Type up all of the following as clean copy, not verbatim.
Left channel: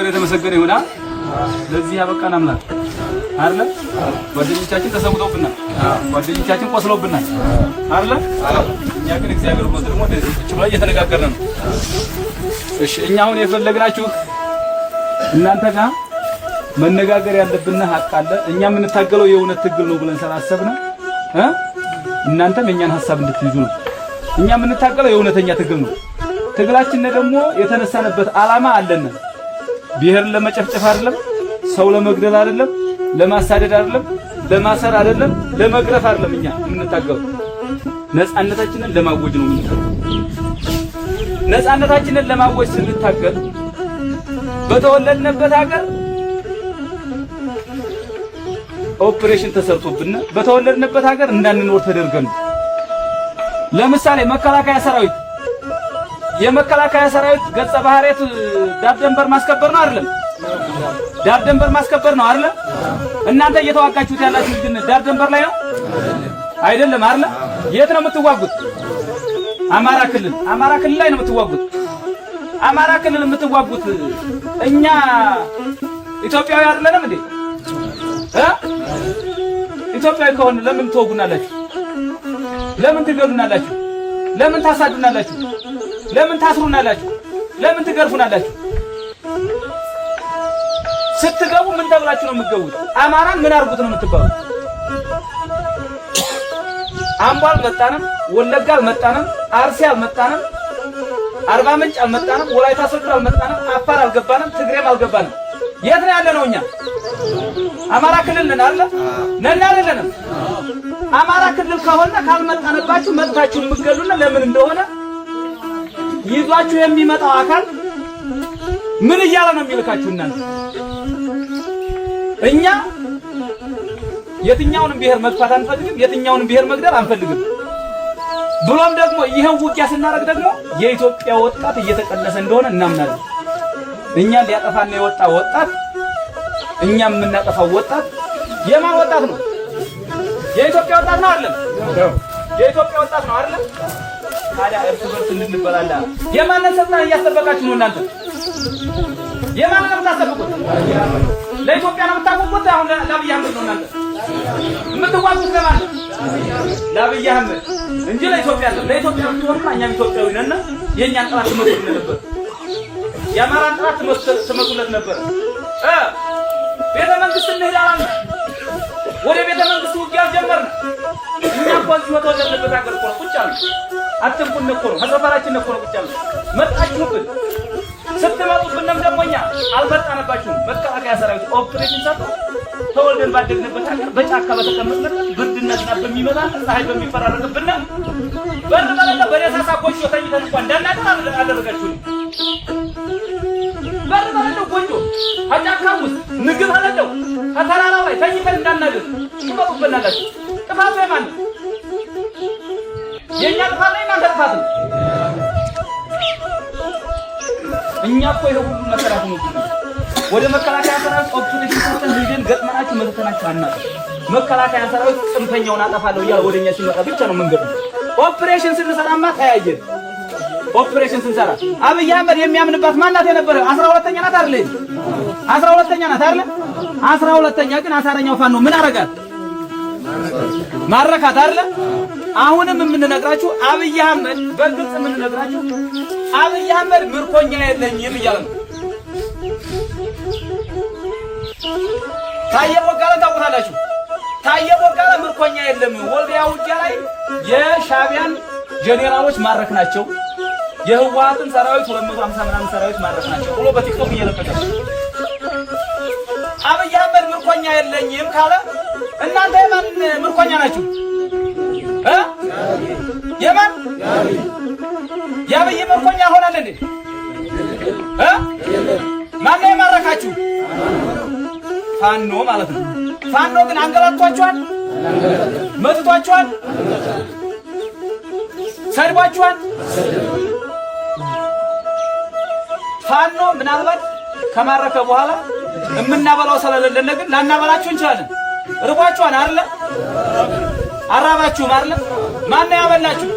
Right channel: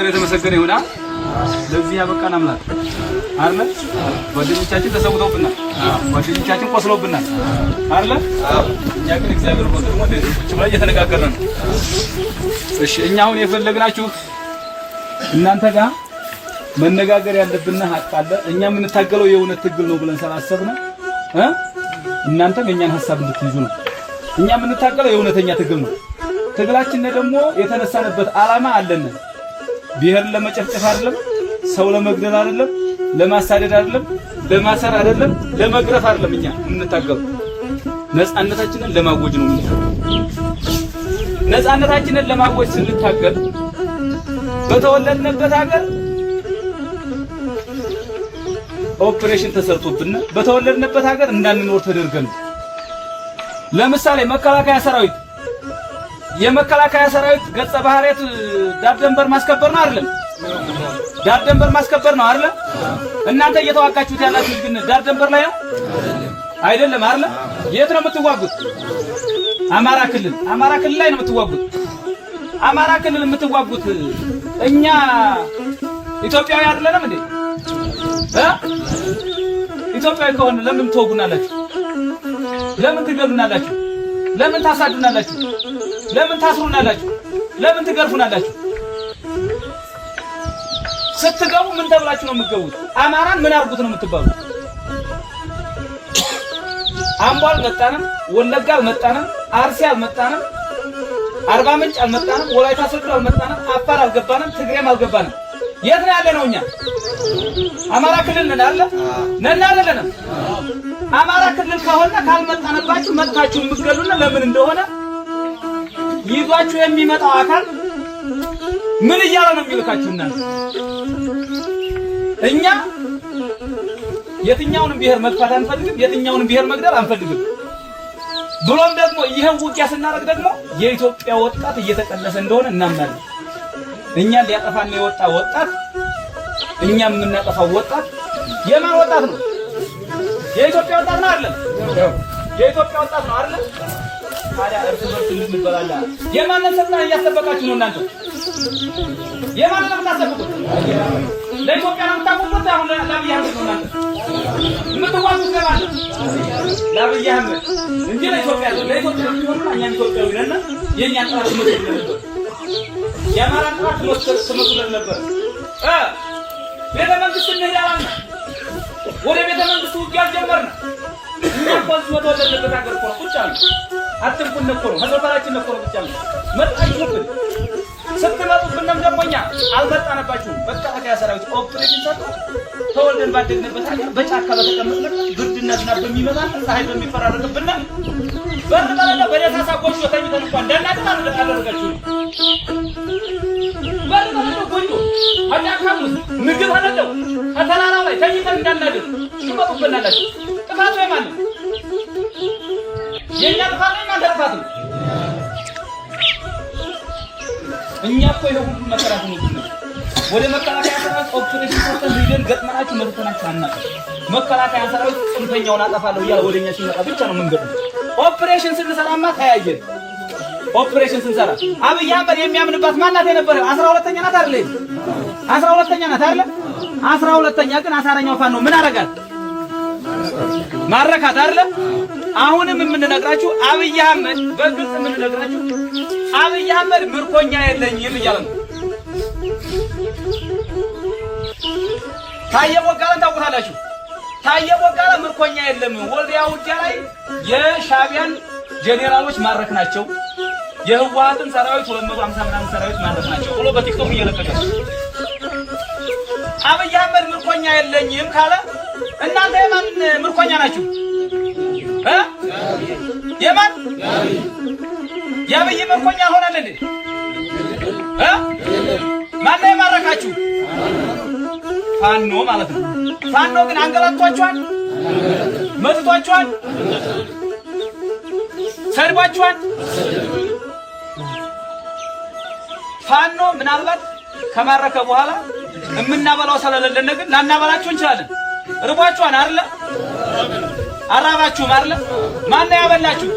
እግዚአብሔር የተመሰገነ ይሁን። ለዚህ ያበቃን አምላክ አይደለ? ጓደኞቻችን ተሰውተውብናል፣ ጓደኞቻችን ቆስለውብናል አይደለ? እኛ ግን እግዚአብሔር በቀድሞ ላይ እየተነጋገርን ነው። እሺ እኛ አሁን የፈለግናችሁ እናንተ ጋር መነጋገር ያለብን ሀቅ አለ። እኛ የምንታገለው የእውነት ትግል ነው ብለን ስላሰብን እናንተም የኛን ሐሳብ እንድትይዙ ነው። እኛ የምንታገለው የእውነተኛ ትግል ነው። ትግላችን ደግሞ የተነሳነበት ዓላማ አለን። ብሔርን ለመጨፍጨፍ አይደለም፣ ሰው ለመግደል አይደለም፣ ለማሳደድ አይደለም፣ ለማሰር አይደለም፣ ለመግረፍ አይደለም። እኛ የምንታገለው ነፃነታችንን ለማወጅ ነው። ነፃነታችንን ለማወጅ ስንታገል በተወለድንበት ሀገር ኦፕሬሽን ተሰርቶብን በተወለድንበት ሀገር እንዳንኖር ተደርገን። ለምሳሌ መከላከያ ሰራዊት የመከላከያ ሰራዊት ገጸ ባህሪያት ዳር ድንበር ማስከበር ነው አይደለም? ዳር ድንበር ማስከበር ነው አይደለም? እናንተ እየተዋጋችሁት ያላችሁት ግን ዳር ድንበር ላይ ነው አይደለም? አይደለም? የት ነው የምትዋጉት? አማራ ክልል ላይ ነው የምትዋጉት። አማራ ክልል የምትዋጉት እኛ ኢትዮጵያዊ አይደለንም እንዴ? ኢትዮጵያዊ ከሆነ ለምን ትወጉናላችሁ? ለምን ትገሉናላችሁ? ለምን ታሳዱናላችሁ? ለምን ታስሩናላችሁ? ለምን ትገርፉናላችሁ? ስትገቡ ምን ተብላችሁ ነው የምትገቡት? አማራን ምን አርጉት ነው የምትባሉት? አምቦ አልመጣንም፣ ወለጋ አልመጣንም፣ አርሲ አልመጣንም፣ አርባ ምንጭ አልመጣንም፣ ወላይታ ሶዶ አልመጣንም፣ አፋር አልገባንም፣ ትግሬም አልገባንም። የት ነው ያለነው እኛ? አማራ ክልል ነን አይደለም? አማራ ክልል ከሆነ ካልመጣንባችሁ መጥታችሁ የምትገሉና ለምን እንደሆነ ይዟችሁ የሚመጣው አካል ምን እያለ ነው የሚልካችሁ? እናንተ እኛ የትኛውንም ብሔር መግፋት አንፈልግም፣ የትኛውንም ብሔር መግደል አንፈልግም። ብሎም ደግሞ ይሄን ውጊያ ስናደርግ ደግሞ የኢትዮጵያ ወጣት እየተቀነሰ እንደሆነ እናምናለን። እኛን ሊያጠፋን የወጣ ወጣት እኛም የምናጠፋው ወጣት የማን ወጣት ነው? የኢትዮጵያ ወጣት ነው አይደል? የኢትዮጵያ ወጣት ነው አይደል? ታዲያ እርስ በርስ እንድንበላላ የማንን ስልጣን እያስጠበቃችሁ ነው እናንተ? የማንን ነው የምታስጠብቁት? ለኢትዮጵያ ነው የምታቆሙት? አሁን ለአብይ አህመድ ነው እናንተ የምትዋጉት? ለማን? ለአብይ አህመድ እንጂ ለኢትዮጵያ ነው። ለኢትዮጵያ ብትሆንማ እኛም ኢትዮጵያዊ ነን። የእኛን ጥራት ትመጡልን ነበር። የአማራን ጥራት ትመጡልን ነበር። ቤተ መንግስት እንሄዳለን። ወደ ቤተ መንግስት ውጊያ ጀመርን። እኛ እኮ እዚህ ወደለበት ሀገር እኮ ቁጭ አሉ። አትንኩን እኮ ነው፣ ሀገራችን እኮ ነው ቁጭ አሉ። መጣችሁብን። ስትመጡብንም ደግሞ እኛ አልመጣንባችሁም። መከላከያ ሰራዊት ኦፕሬሽን ሰርቶ ተወልደን ባደግንበት ሀገር በጫካ በተቀመጥንበት ብርድና ዝናብ በሚመጣን ፀሐይ በሚፈራረቅብን በርበረና በደሳሳ ቆይቶ ተኝተን እንኳን እንዳናድር አደረጋችሁ። በርበረና ቆይቶ አጫካም ውስጥ ምግብ አለለው ከተራራው ላይ ተኝተን እንዳናድር ትመጡብናላችሁ። ጥፋቱ የማን ነው? የእኛ ጥፋት ነው? የእናንተ ጥፋት ነው? እኛ እኮ ይሄ ሁሉ መከራ ሆኖብን ወደ መከላከያ ሰራዊት ኦፕሬሽን ሰርተን ሄደን ገጥመናችሁ መተናችሁ አናውቅም። መከላከያ ሰራዊት ጽንፈኛውን አጠፋለሁ እያለ ወደኛ ሲመጣ ብቻ ነው መንገድ። ኦፕሬሽን ስንሰራማ ተያየን። ኦፕሬሽን ስንሰራ አብይ አህመድ የሚያምንባት ማናት የነበረው? 12ኛ ናት አይደል? 12ኛ ናት አይደል? 12ኛ ግን አሳረኛው ፋኖ ምን አረጋት? ማረካት አይደል? አሁንም የምንነግራችሁ አብይ አህመድ በግልጽ የምንነግራችሁ አብይ አህመድ ምርኮኛ የለኝም እያለ ነው። ታየ ቦጋለን ታውቁታላችሁ። ታየ ቦጋለ ምርኮኛ የለም። ወልዲያ ውጊያ ላይ የሻቢያን ጄኔራሎች ማረክ ናቸው፣ የህወሓትን ሰራዊት 250 ምናምን ሰራዊት ማረክ ናቸው ብሎ በቲክቶክ እየለቀቀ አብይ አህመድ ምርኮኛ የለኝም ካለ እናንተ የማን ምርኮኛ ናችሁ? የማን? የአብይ ምርኮኛ ሆናል እንዴ? ማን ነው የማረካችሁ? ፋኖ ማለት ነው። ፋኖ ግን አንገላቷችኋል፣ መጥቷችኋል፣ ሰድባችኋል። ፋኖ ምናልባት ከማረከ በኋላ የምናበላው ስለሌለን ግን ላናበላችሁ እንችላለን። ርቧችኋል አይደለ? አራባችሁም አይደለ? ማን ነው ያበላችሁ?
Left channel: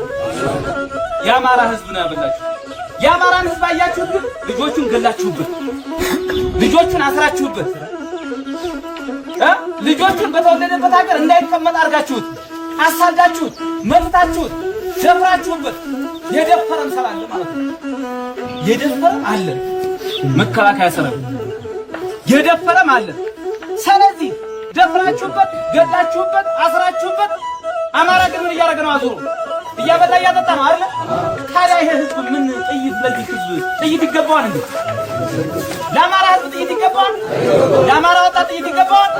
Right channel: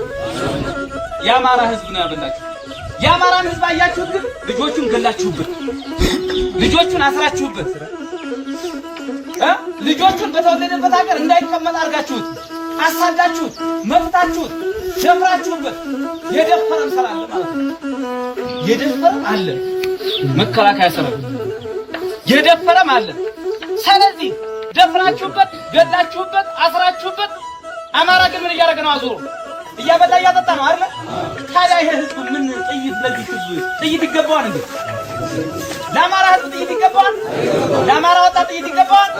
የአማራ ህዝብ ነው ያበላችሁ። የአማራን ህዝብ አያችሁ ግን ልጆቹን ገላችሁበት። ልጆቹን አስራችሁበት ልጆቹን በተወለደበት ሀገር እንዳይቀመጥ አድርጋችሁት አሳዳችሁት መፍታችሁት ደፍራችሁበት የደፈረም ሰራ አለ ማለት ነው። የደፈረም አለ መከላከያ ሰራዊት የደፈረም አለ። ስለዚህ ደፍራችሁበት ገዳችሁበት አስራችሁበት አማራ ግን ምን እያደረገ ነው? አዞሩ እያበላ እያጠጣ ነው አይደል? ታዲያ ይሄ ህዝብ ምን ጥይት ለዚህ ህዝብ ጥይት ይገባዋል እንዴ? ለአማራ ህዝብ ጥይት ይገባዋል? ለአማራ ወጣት ጥይት ይገባዋል?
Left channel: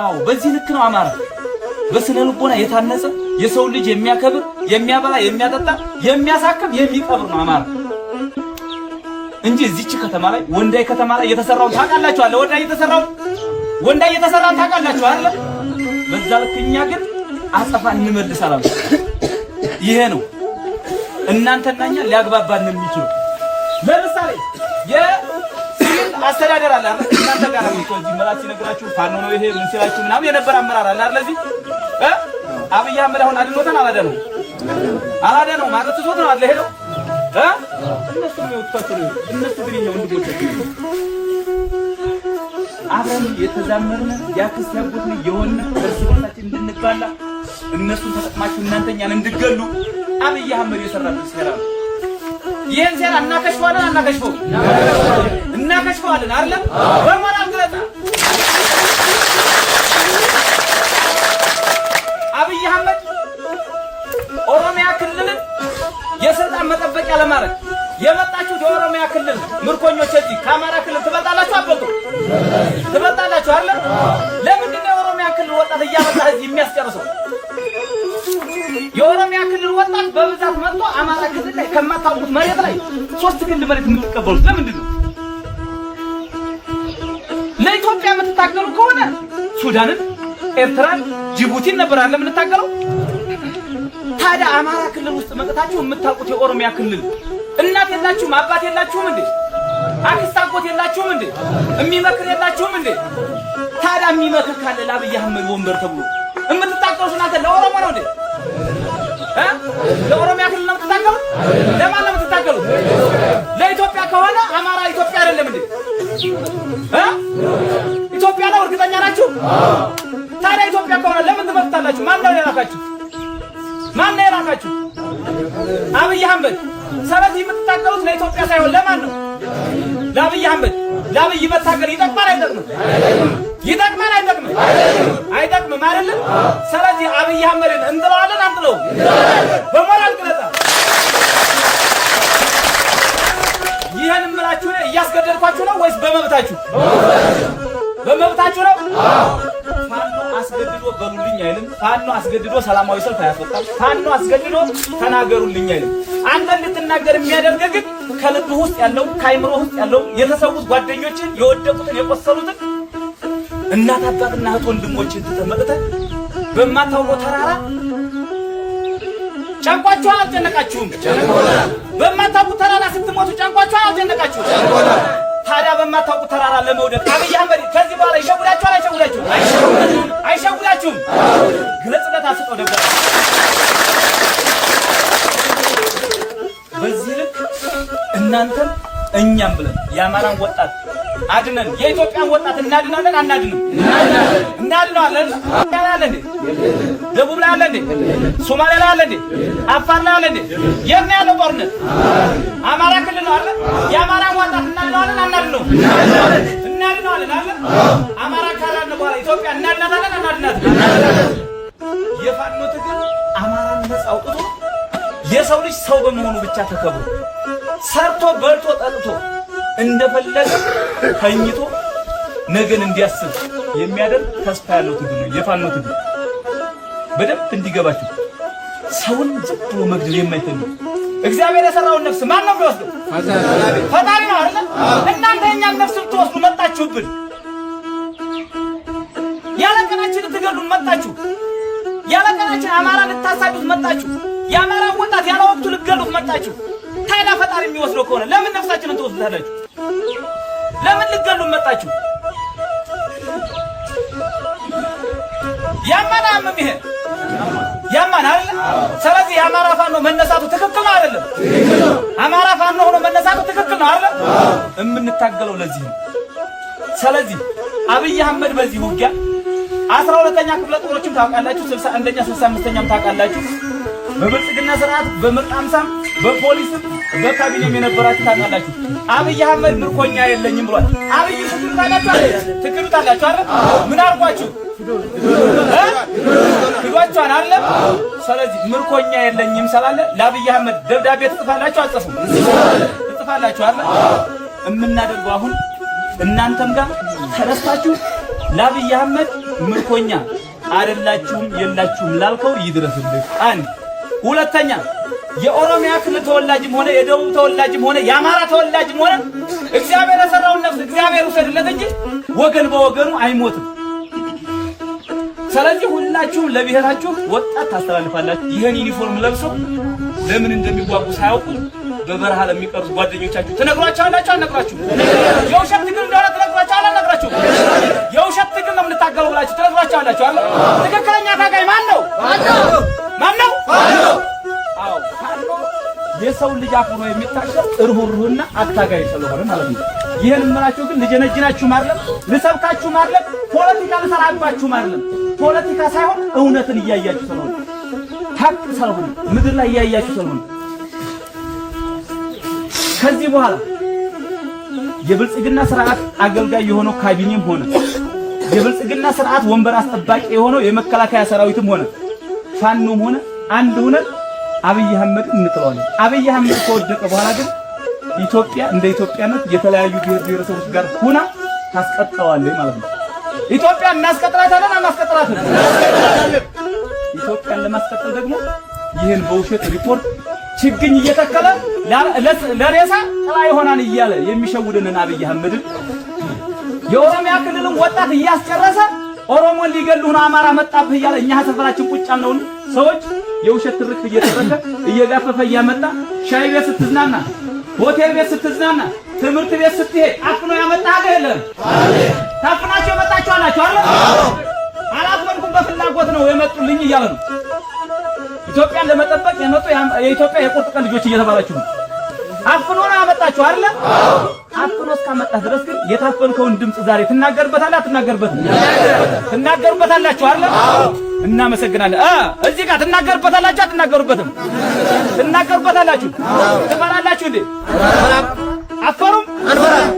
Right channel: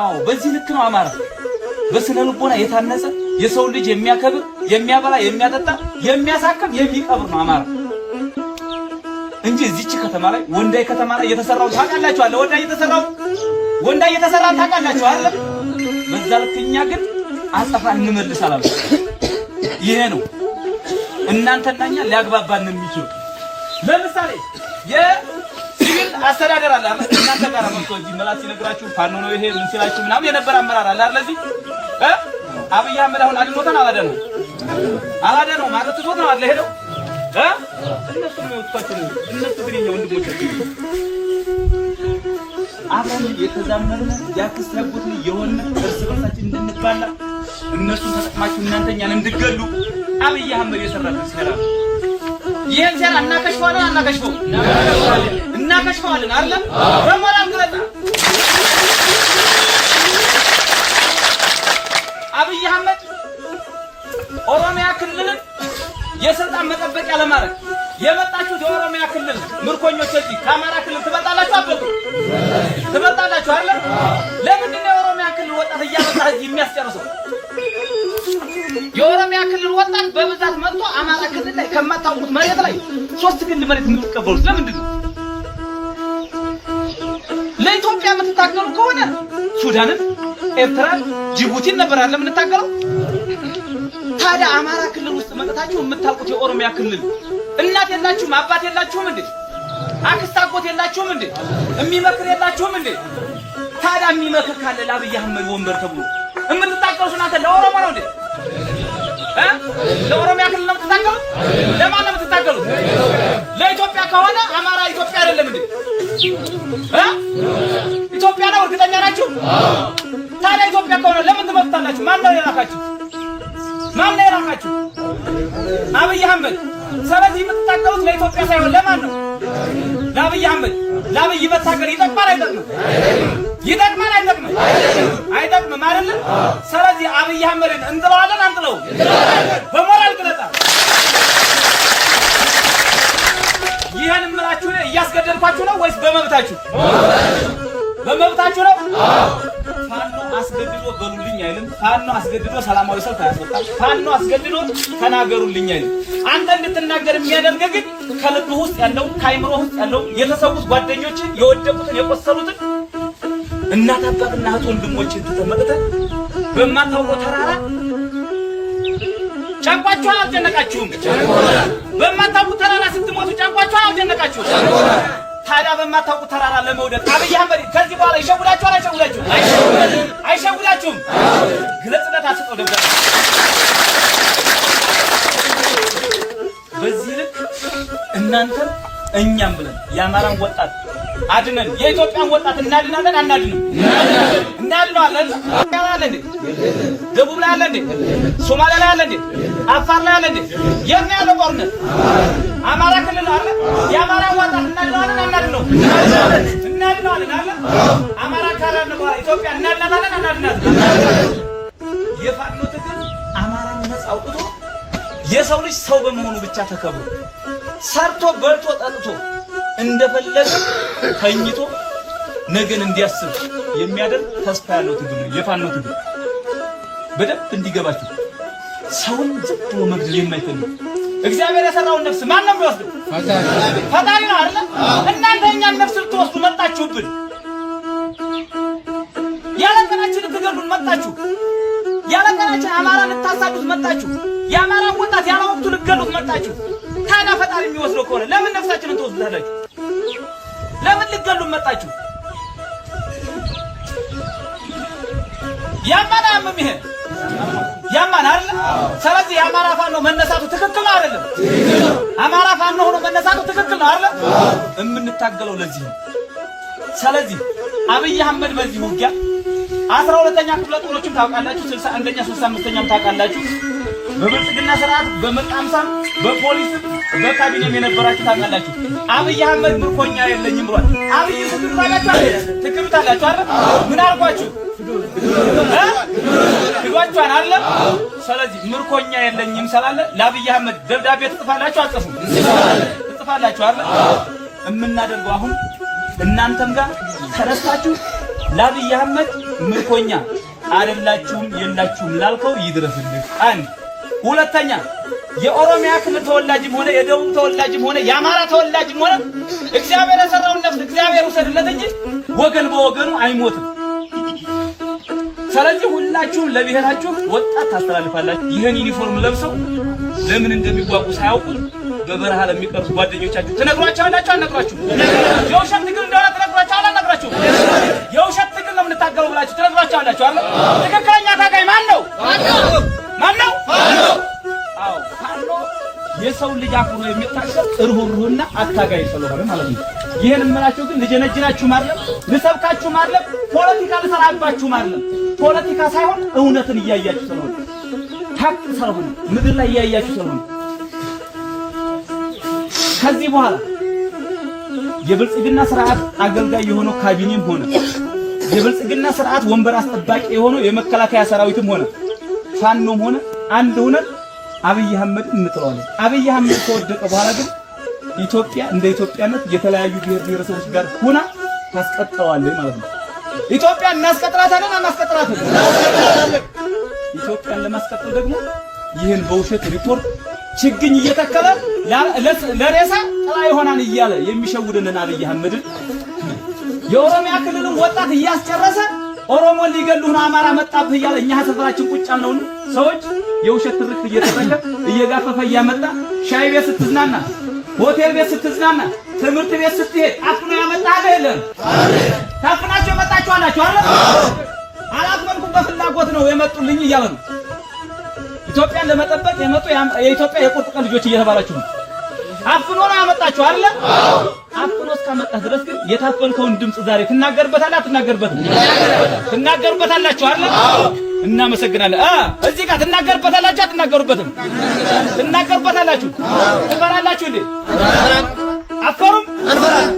አዎ በዚህ ልክ ነው አማራ በስነ ልቦና የታነጸ የሰው ልጅ የሚያከብር የሚያበላ የሚያጠጣ የሚያሳክም የሚቀብር ነው አማራ እንጂ እዚች ከተማ ላይ ወንዳይ ከተማ ላይ የተሰራው ታውቃላችሁ አለ ወንዳይ የተሰራው ታውቃላችሁ አይደል? በዛ ልክ እኛ ግን አጸፋ እንመልሳለን። ይሄ ነው እናንተና እኛ ሊያግባባን የሚችል። ለምሳሌ የሲቪል አስተዳደር አለ አይደል? እናንተ ጋር ነው እዚህ መላስ ይነግራችሁ ፋኖ ነው ይሄ ምን ሲላችሁ ምናምን የነበረ አመራር አለ አይደል? እዚህ አብይ አህመድ አሁን አድሞታን አላደረም ማለት ዞት አለ ሄዶ እነሱ ነው ተከታተሉ እነሱ ግሪኛ ወንድሞቻችን አብረን የተዛመርን ያክስነቡት የሆነ እርስ በርሳችን እንድንባላ እነሱ ተጠቅማችሁ እናንተኛን እንድገሉ አብይ አህመድ የሰራው ሲሰራ ይሄን ሰራ እናከሽፈዋለን አይደል? በሞራል ግለጣ አብይ አህመድ ኦሮሚያ ክልልን የስልጣን መጠበቂያ ለማድረግ የመጣችሁት የኦሮሚያ ክልል ምርኮኞች እዚህ ከአማራ ክልል ትመጣላችሁ አትመጡ? ትመጣላችሁ አይደል? ለምንድን ነው የኦሮሚያ ክልል ወጣት እያመጣ እዚህ የሚያስጨርሰው? የኦሮሚያ ክልል ወጣት በብዛት መጥቶ አማራ ክልል ላይ ከማታውቁት መሬት ላይ 3 ግንድ መሬት የምትቀበሉት ለምንድን ነው? ለኢትዮጵያ የምትታገሉ ከሆነ ሱዳንን፣ ኤርትራን፣ ጅቡቲን ነበር አይደል የምንታገለው? ታዲያ አማራ ክልል ውስጥ መጥታችሁ የምታውቁት የኦሮሚያ ክልል እናት የላችሁም? አባት የላችሁም እንዴ? አክስት አጎት የላችሁም እንዴ? የሚመክር የላችሁም እንዴ? ታዲያ የሚመክር ካለ ለአብይ አህመድ ወንበር ተብሎ የምትታገሉት እናንተ ለኦሮሞ ነው እንዴ? ለኦሮሚያ ክልል ነው የምትታገሉት? ለማን ነው የምትታገሉት? ለኢትዮጵያ ከሆነ አማራ ኢትዮጵያ አይደለም እንዴ? ኢትዮጵያ ነው እርግጠኛ ናችሁ? ታዲያ ኢትዮጵያ ከሆነ ለምን ትመጣላችሁ? ማን ነው የላካችሁ? አብይ አህመድ። ስለዚህ የምትታገሉት ለኢትዮጵያ ሳይሆን ለማን ነው? ለአብይ አህመድ። ለአብይ መታገል ይጠቅማል አይጠቅምም? ይጠቅማል አይጠቅምም? አይጠቅምም አይደለም? ስለዚህ አብይ አህመድን እንጥለዋለን አንጥለው? በሞራል ግለጣ ይሄን ምላችሁ እያስገደልኳችሁ ነው ወይስ በመብታችሁ? በመብታችሁ ነው። ፋኖ አስገድዶ በሉልኝ አይልም። ፋኖ አስገድዶ ሰላማዊ ሰልፍ አያስወጣም። ፋኖ አስገድዶ ተናገሩልኝ አይልም። አንተ እንድትናገር የሚያደርግ ግን ከልብ ውስጥ ያለው ከአይምሮ ውስጥ ያለው የተሰዉት ጓደኞችን የወደቁትን የቆሰሉትን እናት አባትና እህት ወንድሞችን ተመልከተ በማታውቀው ተራራ ጫንቋቸው አልጨነቃችሁም? በማታውቁት ተራራ ስትሞቱ ጫንቋቸው አልጨነቃችሁም? ታዲያ በማታውቁት ተራራ ለመውደቅ አብይ አህመድ ከዚህ በኋላ ይሸውዳችኋል? አይሸውዳችሁም? ግለጽበት አስጠው ደጋ በዚህ ልክ እናንተም እኛም ብለን የአማራን ወጣት አድነን የኢትዮጵያን ወጣት እናድናለን አናድንም? እናድናለን። ደቡብ ላይ አለ እንዴ? ሶማሌ ላይ አለ እንዴ? አፋር ላይ አለ እንዴ? የኛ ያለ ጦርነት አማራ ክልል አለ። የአማራ ወጣት እናድናለን አናድንም? እናድናለን አይደል? አማራ ክልል ነው ኢትዮጵያ እናድናለን አናድንም? የፋኖ ትግል አማራን ነፃ አውጥቶ የሰው ልጅ ሰው በመሆኑ ብቻ ተከብሮ ሰርቶ በልቶ ጠጥቶ እንደፈለገ ተኝቶ ነገን እንዲያስብ የሚያደርግ ተስፋ ያለው ትግል ነው የፋኖ ትግል። በደንብ እንዲገባችሁ ሰውን ዝም መግደል የማይፈልግ እግዚአብሔር የሰራውን ነፍስ ማን ነው የሚወስደው? ፈጣሪ ነው አይደል? እናንተ የኛን ነፍስ ልትወስዱ መጣችሁብን። ያለቀናችን ልትገሉን መጣችሁ። ያለቀናችን አማራ ልታሳዱት መጣችሁ። የአማራ ወጣት ያለ ወቅቱ ልትገሉት መጣችሁ። ታዲያ ፈጣሪ የሚወስደው ከሆነ ለምን ነፍሳችንን ትወስዳላችሁ? ለምን ልትገሉን መጣችሁ? ያማና ይሄ ያማና አይደል? ስለዚህ የአማራ ፋኖ መነሳቱ ትክክል አይደለም። አማራ ፋኖ ሆኖ መነሳቱ ትክክል አይደለም። የምንታገለው ለዚህ ነው። ስለዚህ አብይ አህመድ በዚህ ውጊያ 12ኛ ክፍለ ጦሮችን ታውቃላችሁ፣ 61ኛ 65ኛም ታውቃላችሁ። በብልጽግና ስርዓት በመጣምሳም በፖሊስ በካቢኔም የነበራችሁ ታውቃላችሁ። አብይ አህመድ ምርኮኛ የለኝም ብሏል። አብይ ትክክላላችሁ አይደል? ትክክላላችሁ አይደል? ምን አልኳችሁ? ትጓቻን አለ። ስለዚህ ምርኮኛ የለኝም ስላለ ለአብይ አህመድ ደብዳቤ ትጽፋላችሁ አጽፉ? ትጽፋላችሁ አይደል? የምናደርገው አሁን እናንተም ጋር ተረስታችሁ ለአብይ አህመድ ምርኮኛ አይደላችሁም የላችሁም ላልከው ይድረስልህ። አንድ ሁለተኛ የኦሮሚያ ክልል ተወላጅም ሆነ የደቡብ ተወላጅም ሆነ የአማራ ተወላጅም ሆነ እግዚአብሔር የሰራውን ነፍስ እግዚአብሔር ውሰድለት እንጂ ወገን በወገኑ አይሞትም። ስለዚህ ሁላችሁም ለብሔራችሁ ወጣት ታስተላልፋላችሁ። ይህን ዩኒፎርም ለብሰው ለምን እንደሚጓጉ ሳያውቁ በበረሃ ለሚቀሩ ጓደኞቻችሁ ትነግሯቸዋላችሁ አልነግራችሁ? የውሸት ትግል እንደሆነ ትነግሯቸዋል አልነግራችሁ? የውሸት ትግል ነው የምንታገለው ብላችሁ ትነግሯቸዋላችሁ አለ። ትክክለኛ ታጋይ ማን ነው? ማን ነው? አዎ የሰው ልጅ አፍኖ የሚታገል እርሁሩህና አታጋይ ስለሆነ ማለት ነው። ይሄን እመራችሁ ግን ልጀነጅናችሁ ማለት ልሰብካችሁ ማለት ፖለቲካ ልሰራባችሁ ማለት ፖለቲካ ሳይሆን እውነትን እያያችሁ ስለሆነ ሀቅ ስለሆነ ምድር ላይ እያያችሁ ስለሆነ ከዚህ በኋላ የብልጽግና ስርዓት አገልጋይ የሆነው ካቢኔም ሆነ የብልጽግና ስርዓት ወንበር አስጠባቂ የሆነው የመከላከያ ሰራዊትም ሆነ ፋኖም ሆነ አንድ ሆነ አብይ አህመድ እንጥለዋለን። አብይ አህመድ ከወደቀ በኋላ ግን ኢትዮጵያ እንደ ኢትዮጵያነት የተለያዩ ብሔር ብሔረሰቦች ጋር ሆና ታስቀጥለዋለች ማለት ነው። ኢትዮጵያ እናስቀጥላታለን አናስቀጥላትም? ኢትዮጵያን ለማስቀጠል ደግሞ ይህን በውሸት ሪፖርት ችግኝ እየተከለ ለሬሳ ጥላ ይሆናል እያለ የሚሸውድንን አብይ አህመድ የኦሮሚያ ክልልን ወጣት እያስጨረሰ ኦሮሞን ሊገሉ ነው አማራ መጣብህ እያለ እኛ ሰፈራችን ቁጭ ያልነው ሰዎች የውሸት ትርክት እየተፈለ እየጋፈፈ እያመጣ ሻይ ቤት ስትዝናና፣ ሆቴል ቤት ስትዝናና፣ ትምህርት ቤት ስትሄድ አፍኖ ያመጣህ አይደለም? ታፍናችሁ የመጣችሁ አላችሁ አይደል? አላፍንኩም በፍላጎት ነው የመጡልኝ እያሉ ነው። ኢትዮጵያን ለመጠበቅ የመጡ የኢትዮጵያ የቁርጥ ቀን ልጆች እየተባላችሁ ነው። አፍኖ ነው ያመጣችሁ አይደል? አፍኖ እስካመጣህ ድረስ ግን የታፈንከውን ድምጽ ዛሬ ትናገርበታለህ አትናገርበትም? ትናገርበታላችሁ አይደል? እናመሰግናለን። እዚህ ጋር ትናገርበታላችሁ አትናገሩበትም? ትናገርበታላችሁ። ትፈራላችሁ እንዴ? አትፈሩም? አንፈራም።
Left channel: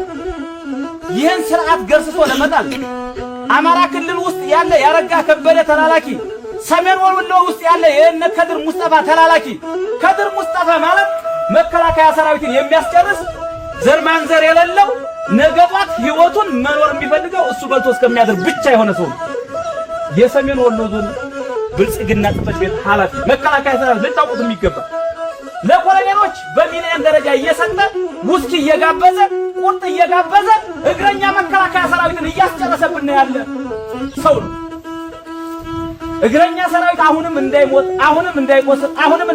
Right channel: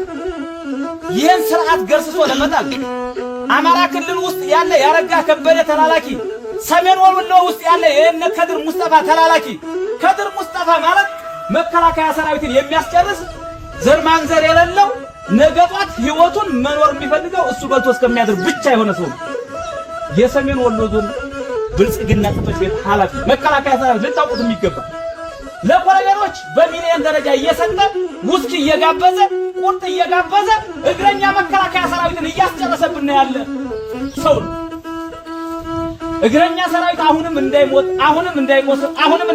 ይህን ስርዓት ገርስሶ ለመጣል አማራ ክልል ውስጥ ያለ ያረጋ ከበደ ተላላኪ፣ ሰሜን ወሎ ውስጥ ያለ የነ ከድር ሙስጠፋ ተላላኪ፣ ከድር ሙስጠፋ ማለት መከላከያ ሰራዊትን የሚያስጨርስ ዘር ማንዘር የሌለው ነገባት ህይወቱን መኖር የሚፈልገው እሱ በልቶ እስከሚያድር ብቻ የሆነ ሰው የሰሜን ወሎ ዞን ብልጽግና ጽሕፈት ቤት ኃላፊ መከላከያ ሰራዊት ልታውቁት የሚገባ ለኮሎኔሎች በሚሊዮን ደረጃ እየሰጠ ውስኪ እየጋበዘ ቁርጥ እየጋበዘ እግረኛ መከላከያ ሰራዊትን እያስጨረሰብን ያለ ሰው እግረኛ ሰራዊት አሁንም እንዳይሞት አሁንም እንዳይቆስል አሁንም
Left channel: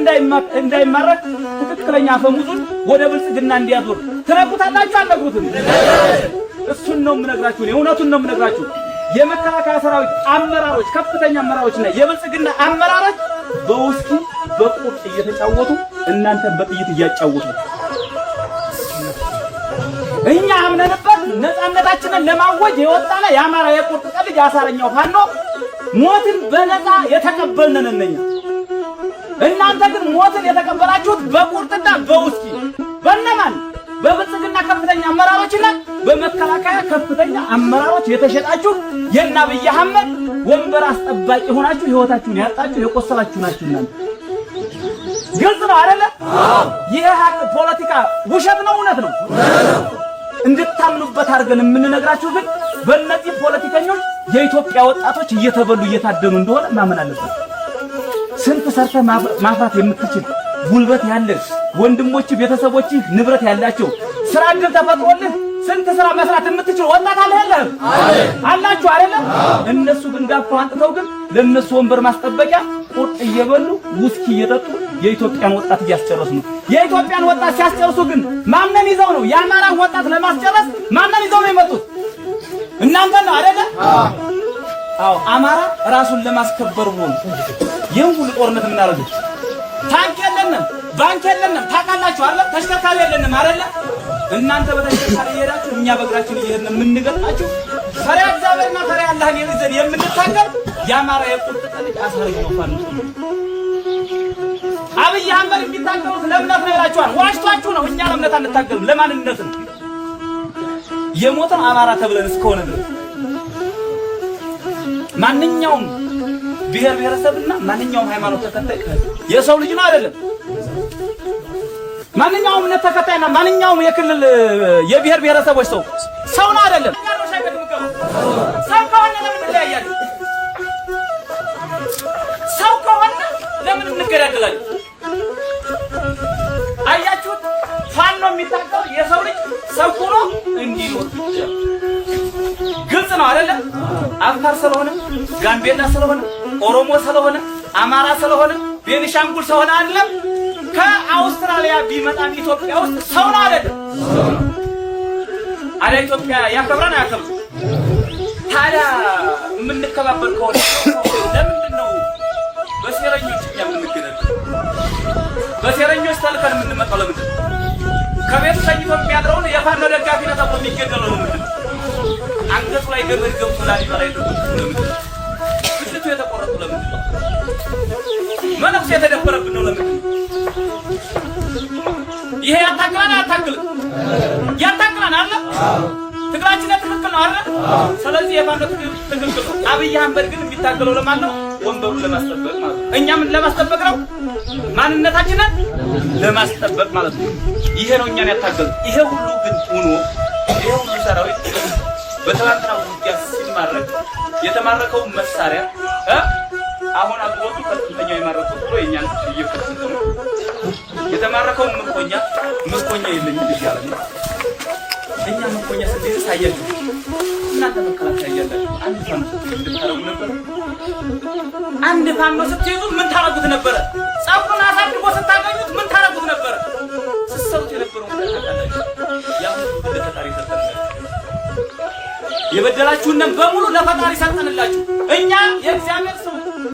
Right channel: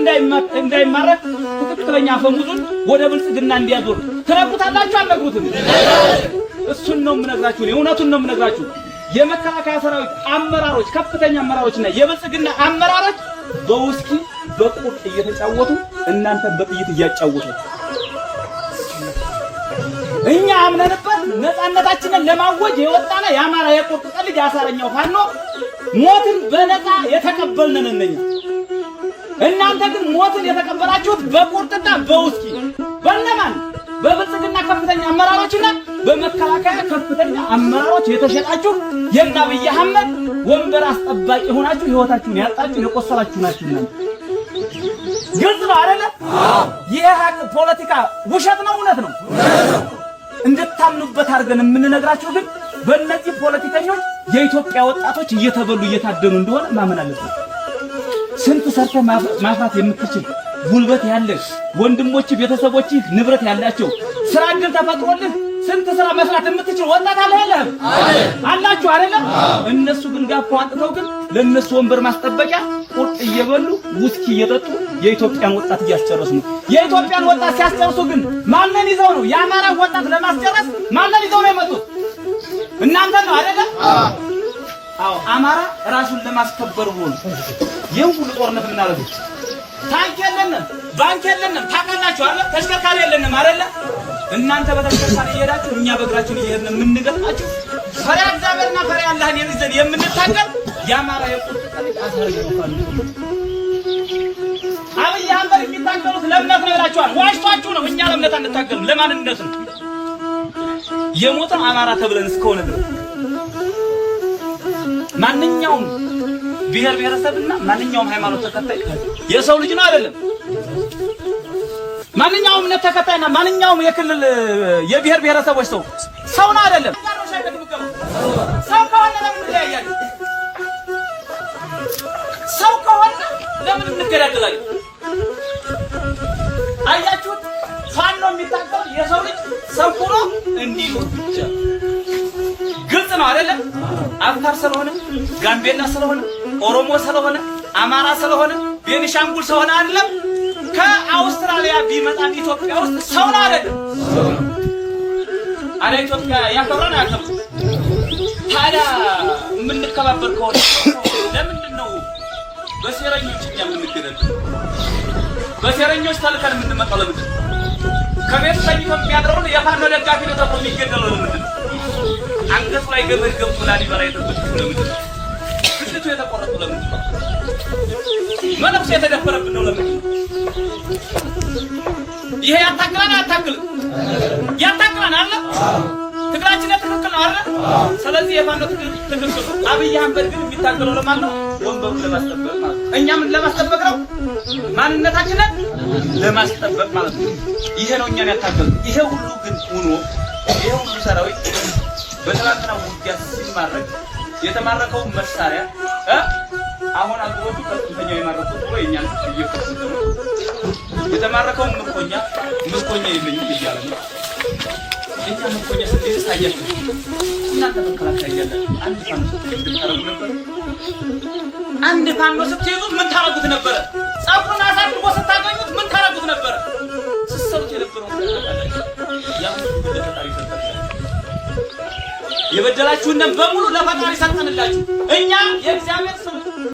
እንዳይማረክ ትክክለኛ ፈሙዙን ወደ ብልጽግና እንዲያዞር ትነግሩታላችሁ አልነግሩትም? እሱን ነው የምነግራችሁ፣ እውነቱን ነው የምነግራችሁ። የመከላከያ ሰራዊት አመራሮች፣ ከፍተኛ አመራሮችና የብልጽግና አመራሮች በውስኪ በቁርጥ እየተጫወቱ እናንተን በጥይት እያጫወቱ እኛ አምነንበት ነፃነታችንን ለማወጅ የወጣነ የአማራ የቁርጥ ቀን ልጅ አሳረኛው ፋኖ ሞትን በነፃ የተቀበልነን እነኛ። እናንተ ግን ሞትን የተቀበላችሁት በቁርጥና በውስኪ በእነማን? በብልጽግና ከፍተኛ አመራሮችና በመከላከያ ከፍተኛ አመራሮች የተሸጣችሁ የእነ አብይ አህመድ ወንበር አስጠባቂ ሆናችሁ ህይወታችሁን ያጣችሁ የቆሰላችሁ ናችሁ። እናንተ ግልጽ ነው አይደለ? ይሄ ሀቅ ፖለቲካ ውሸት ነው እውነት ነው እንድታምኑበት አድርገን የምንነግራችሁ ግን በእነዚህ ፖለቲከኞች የኢትዮጵያ ወጣቶች እየተበሉ እየታደኑ እንደሆነ ማመን አለበት። ስንት ሰርተ ማፍራት የምትችል ጉልበት ያለህ ወንድሞች ቤተሰቦች ንብረት ያላቸው ስራ ግን ተፈጥሮልህ ስንት ስራ መስራት የምትችል ወጣት አለ አይደል? አላችሁ አይደል? እነሱ ግን ጋፋው አንጥተው ግን ለነሱ ወንበር ማስጠበቂያ ቁርጥ እየበሉ ውስኪ እየጠጡ የኢትዮጵያን ወጣት እያስጨረሱ ነው። የኢትዮጵያን ወጣት ሲያስጨርሱ ግን ማንን ይዘው ነው? የአማራ ወጣት ለማስጨረስ ማንን ይዘው ነው የመጡት? እናንተ ነው አይደል? አዎ አማራ ራሱን ለማስከበር ነው ይሄን ሁሉ ጦርነት የምናደርገው። ታንክ የለንም፣ ባንክ የለንም፣ ታውቃላችሁ አይደል? ተሽከርካሪ የለንም አይደል? እናንተ በተሽከርካሪ እየሄዳችሁ እኛ በእግራችን እየሄድን የምንገጥማችሁ ፈሪሃ እግዚአብሔርና ፈሪሃ አላህን ይዘን የምንታገል የአማራ የቁርጥ ቀን አስረግጠዋል። አብይ አህመድ የሚታገሉት ለእምነት ነው ይላችኋል። ዋሽቷችሁ ነው። እኛ ለእምነት አንታገልም፣ ለማንነት ነው። የሞተን አማራ ተብለን እስከሆነ ማንኛውም ብሔር ብሔረሰብና ማንኛውም ሃይማኖት ተከታይ የሰው ልጅ ነው አይደለም? ማንኛውም እምነት ተከታይና ማንኛውም የክልል የብሔር ብሔረሰቦች ሰው ነው አይደለም? ሰው ከሆነ ለምን እንለያያለን? ሰው ከሆነ ለምን እንገዳደላለን? አያችሁ፣ ፋኖ የሚታገል የሰው ልጅ ሰው ሆኖ እንዲኖር ብቻ። ግልጽ ነው አይደለም? አፋር ስለሆነ፣ ጋምቤላ ስለሆነ፣ ኦሮሞ ስለሆነ፣ አማራ ስለሆነ፣ ቤኒሻንጉል ስለሆነ አይደለም። ከአውስትራሊያ ቢመጣ ኢትዮጵያ ውስጥ ሰው ነው አይደለም? አለ ኢትዮጵያ ያከብራል አያከብርም? ታዲያ የምንከባበር ከሆነ ለምንድን ነው በሴረኞች የምንገደል? በሴረኞች ተልከን የምንመጣው ለምንድን ነው? ከቤት ተኝቶ የሚያድረውን የፋኖ ደጋፊ ነው ተብሎ የሚገደለው ለምንድን ነው? አንገቱ ላይ ገመድ ገብቶ ላሊበላ የተቆረጠው ለምንድን ነው? ፊቱ የተቆረጠው ለምንድን ነው? መነኩሴ የተደፈረብን ነው ለምንድን ነው? ይሄ ያታክላን አያታክልም? ያታክላን አለ። ትግላችን ትክክል ነው አይደል? ስለዚህ የፋኖ ትክክል ነው። አብይ አህመድ ግን የሚታገለው ለማን ነው? ወንበሩን ለማስጠበቅ ማለት ነው። እኛ ምን ለማስጠበቅ ነው? ማንነታችንን ለማስጠበቅ ማለት ነው። ይሄ ነው እኛን ያታገለው። ይሄ ሁሉ ግን ሆኖ ይሄ ሁሉ ሰራዊት በትናንትና ውጊያ ሲማረክ የተማረከው መሳሪያ አሁን አጥቦቱ ከፍተኛ የማረኩት ብሎ የኛን የተማረከው ምርኮኛ የለኝም ይባላል። እኛ ምርኮኛ ስንት ታያችሁ? እናንተ ተከታታይ ያላችሁ አንድ ፋኖ ስትይዙ ምን ታረጉት ነበረ? ጸጉን አሳድጎ ስታገኙት ምን ታረጉት ነበረ? ስትሰሩት የነበረው የበደላችሁን በሙሉ ለፈጣሪ ሰጠንላችሁ። እኛ የእግዚአብሔር